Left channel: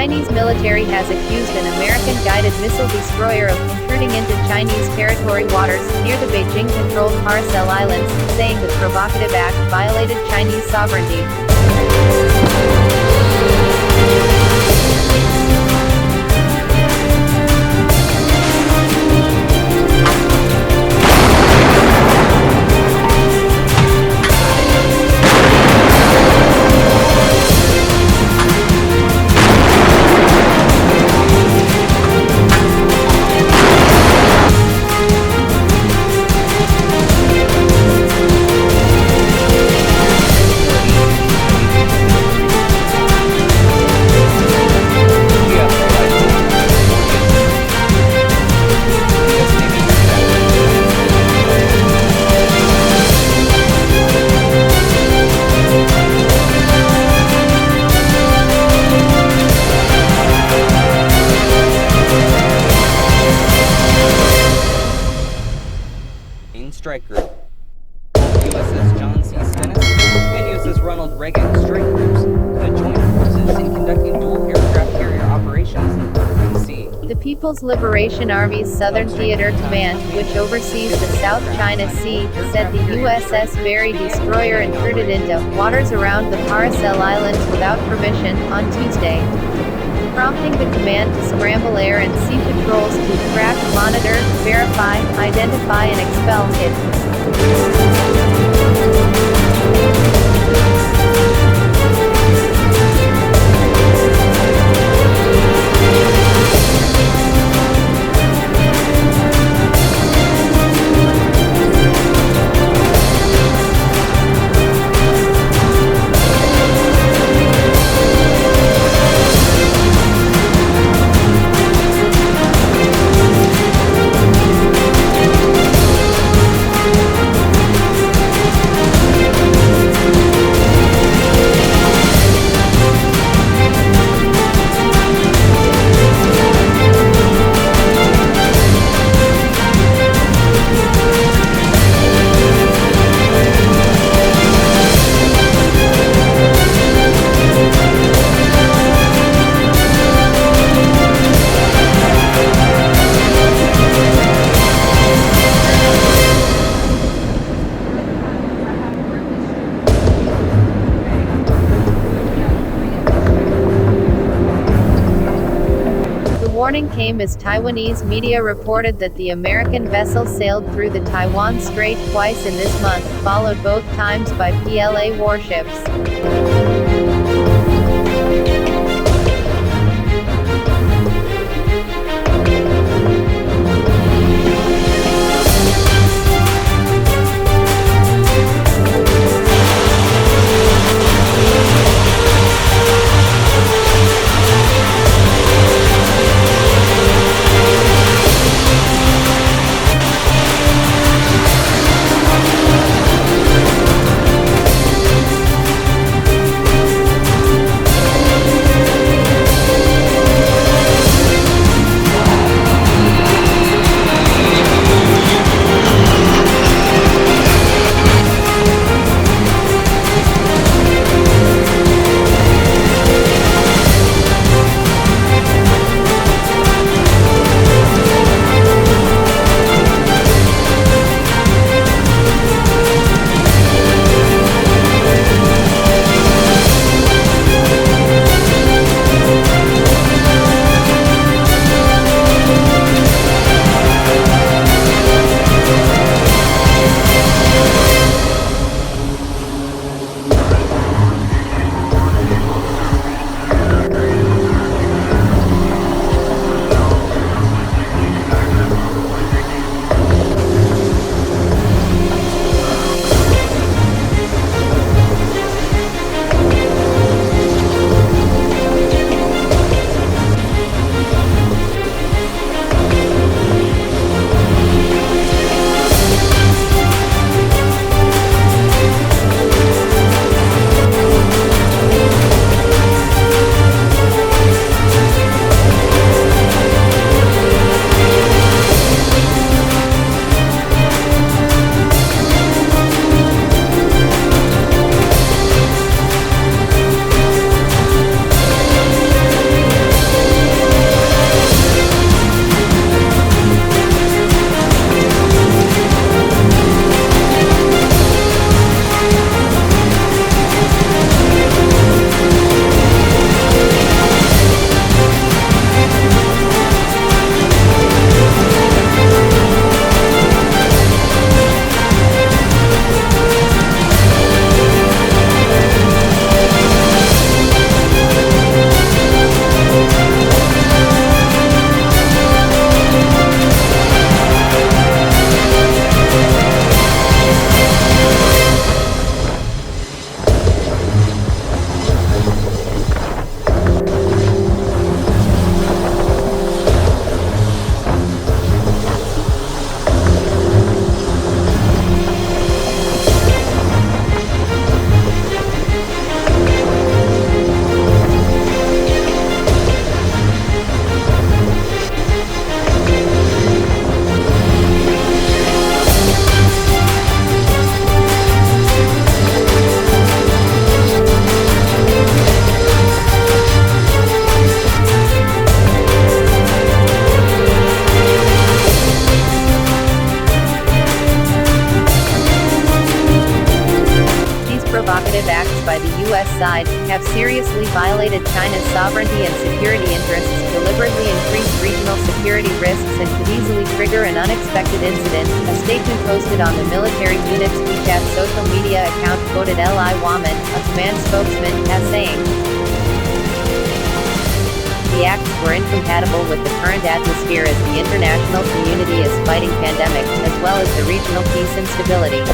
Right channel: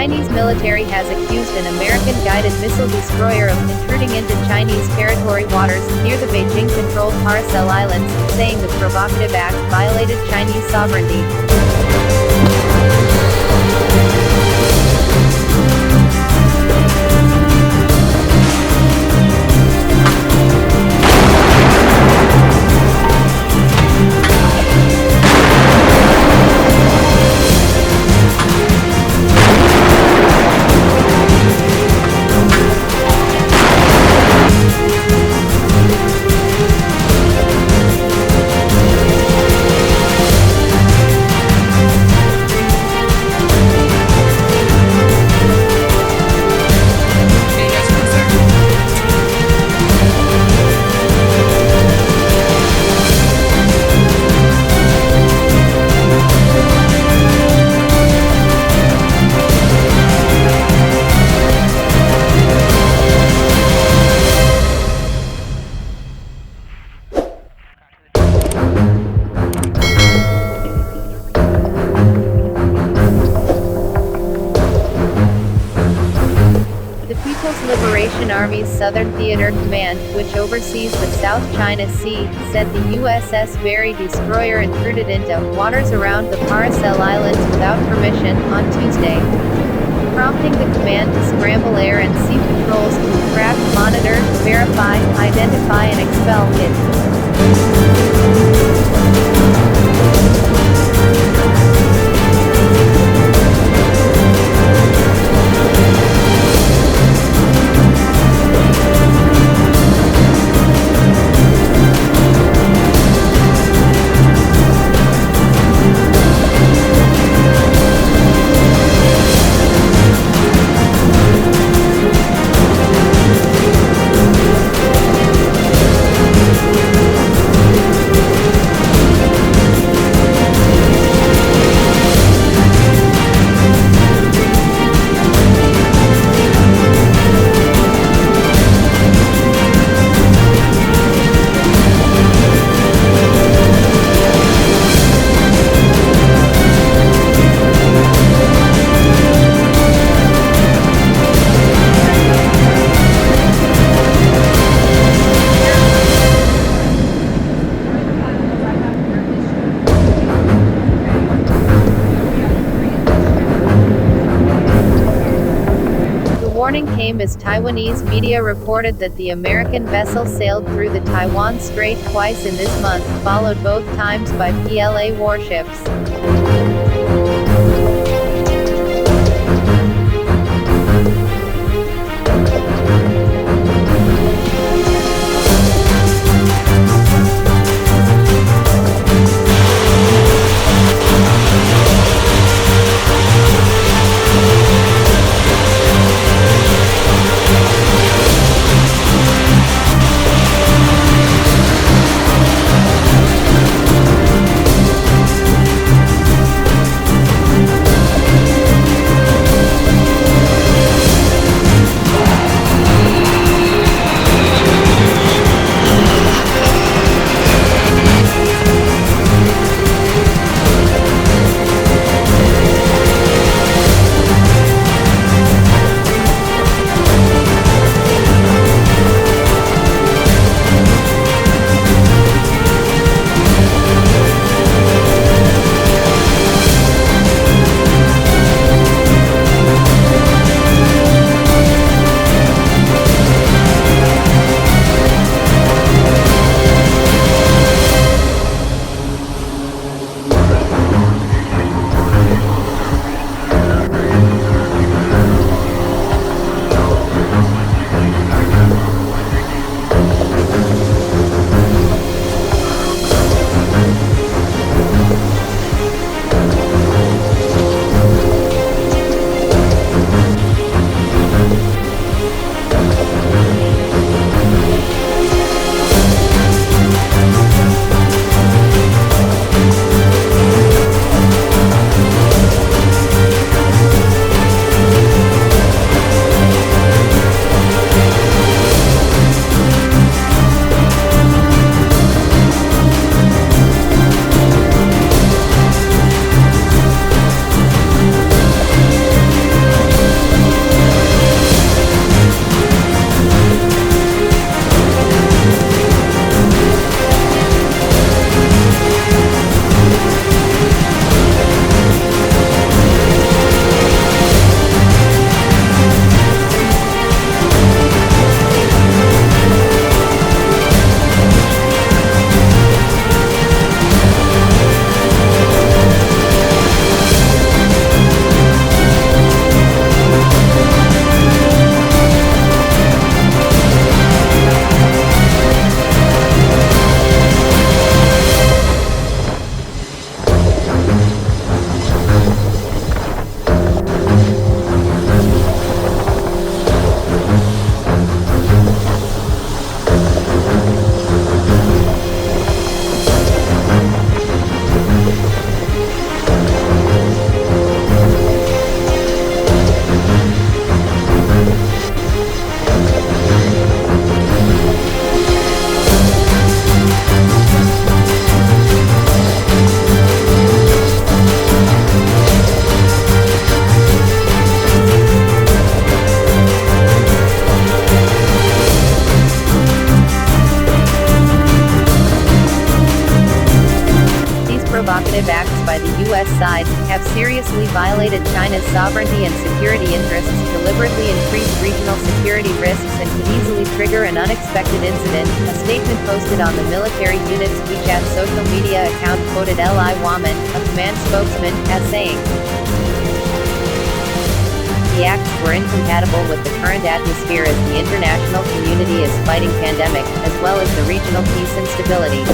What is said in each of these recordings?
Chinese military has accused an American-guided missile destroyer of intruding into Chinese territory waters near the Beijing-controlled Paracel Islands, saying the provocative act violated Chinese sovereignty. Strike Group. John C. Senate and uses Ronald Reagan strike groups to join forces in conducting dual aircraft carrier operations on the sea. The People's Liberation Army's Southern Theater Command, which oversees the South China Sea, said the USS Berry destroyer intruded into waters around the Paracel Islands without permission on Tuesday, prompting the command to scramble air and sea patrols to track, monitor, verify, identify and expel it. The warning came as Taiwanese media reported that the American vessel sailed through the Taiwan Strait twice in this month, followed both times by PLA warships. provocative acts by the U.S. side, have seriously violated China's sovereignty and security interests, deliberately increased regional security risks and could easily trigger an unexpected incident, a statement posted on the military unit's WeChat social media account quoted Li Waman, a command spokesman, as saying, "The acts were incompatible with the current atmosphere as the international community is fighting pandemic, as well as the regional peace and stability."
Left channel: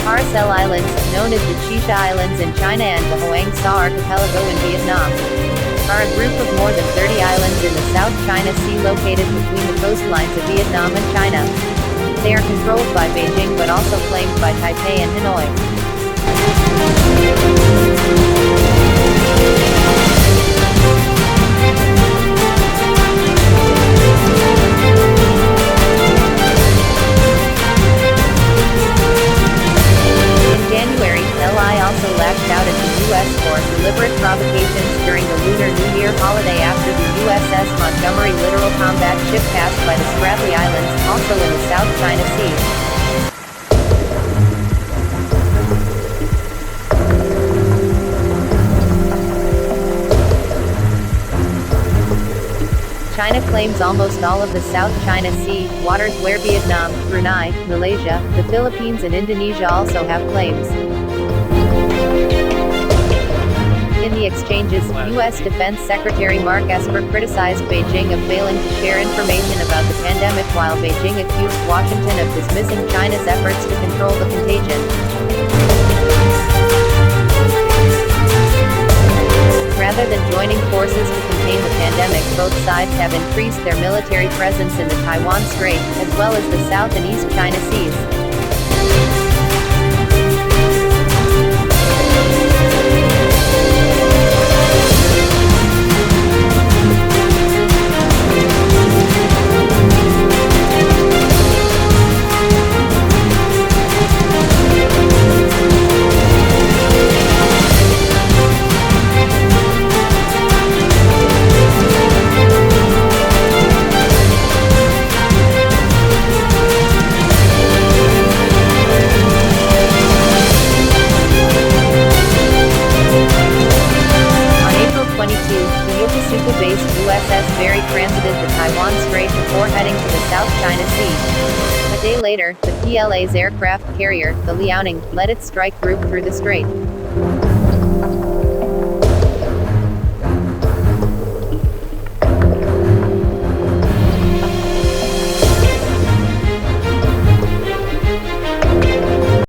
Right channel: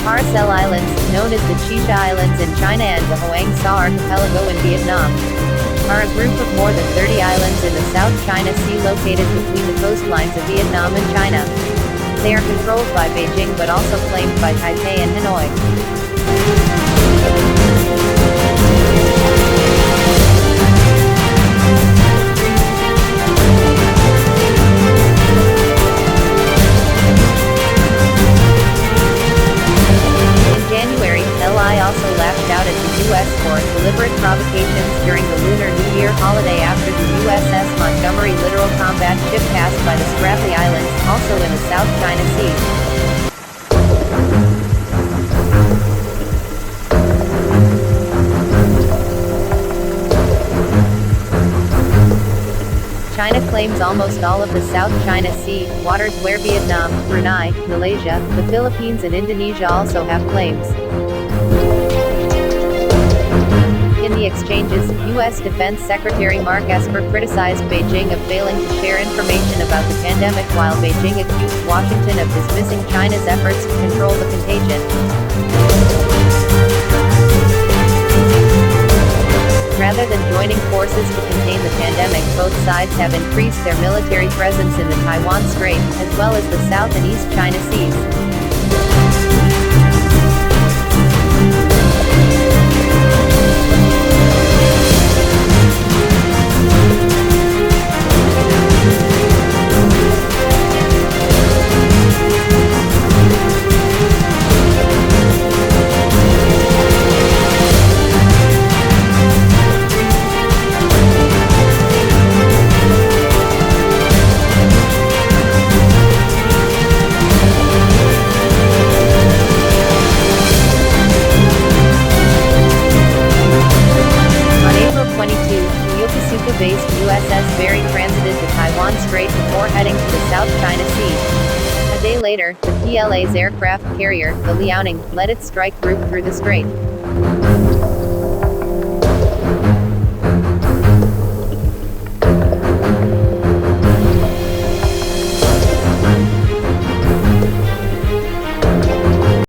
Paracel Islands, known as the Chisha Islands in China and the Hoang Sa Archipelago in Vietnam, are a group of more than 30 islands in the South China Sea located between the coastlines of Vietnam and China. They are controlled by Beijing but also claimed by Taipei and Hanoi. January, Li also lashed out at the U.S. for deliberate provocations during the Lunar New Year holiday after the USS Montgomery littoral combat ship passed by the Spratly Islands, also in the South China Sea. China claims almost all of the South China Sea, waters where Vietnam, Brunei, Malaysia, the Philippines and Indonesia also have claims. In the exchanges, U.S. Defense Secretary Mark Esper criticized Beijing of failing to share information about the pandemic while Beijing accused Washington of dismissing China's efforts to control the contagion. Rather than joining forces to contain the pandemic, both sides have increased their military presence in the Taiwan Strait, as well as the South and East China Seas. On April 22, the Yokosuka-based USS Berry transited the Taiwan Strait before heading to the South China Sea. A day later, the PLA's aircraft carrier, the Liaoning, led its strike group through the strait.